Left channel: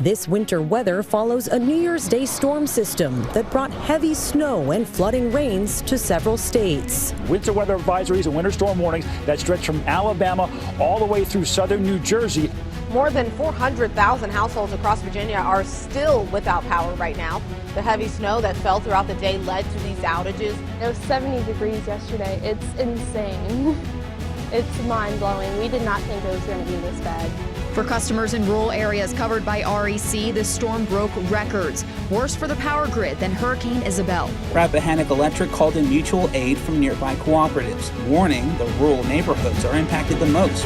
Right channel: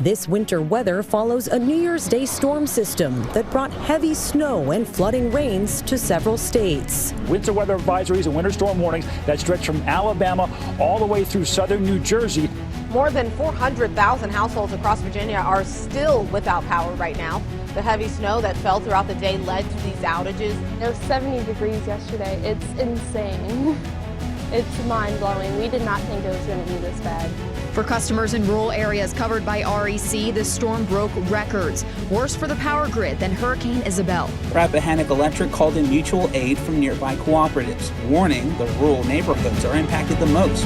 This winter weather follows a New Year's Day storm system that brought heavy snow and flooding rains to several states. Winter weather advisories and winter storm warnings that stretch from Alabama all the way through southern New Jersey. More than 400,000 households across Virginia are still without power right now. The heavy snow that fell throughout the day led to these outages. It was 70 degrees yesterday. It's insane. It's mind-blowing. We did not think it was going to be this bad. For customers in rural areas covered by REC, the storm broke records. Worse for the power grid than Hurricane Isabel. Rappahannock Electric called in mutual aid from nearby cooperatives, warning the rural neighborhoods are impacted the most.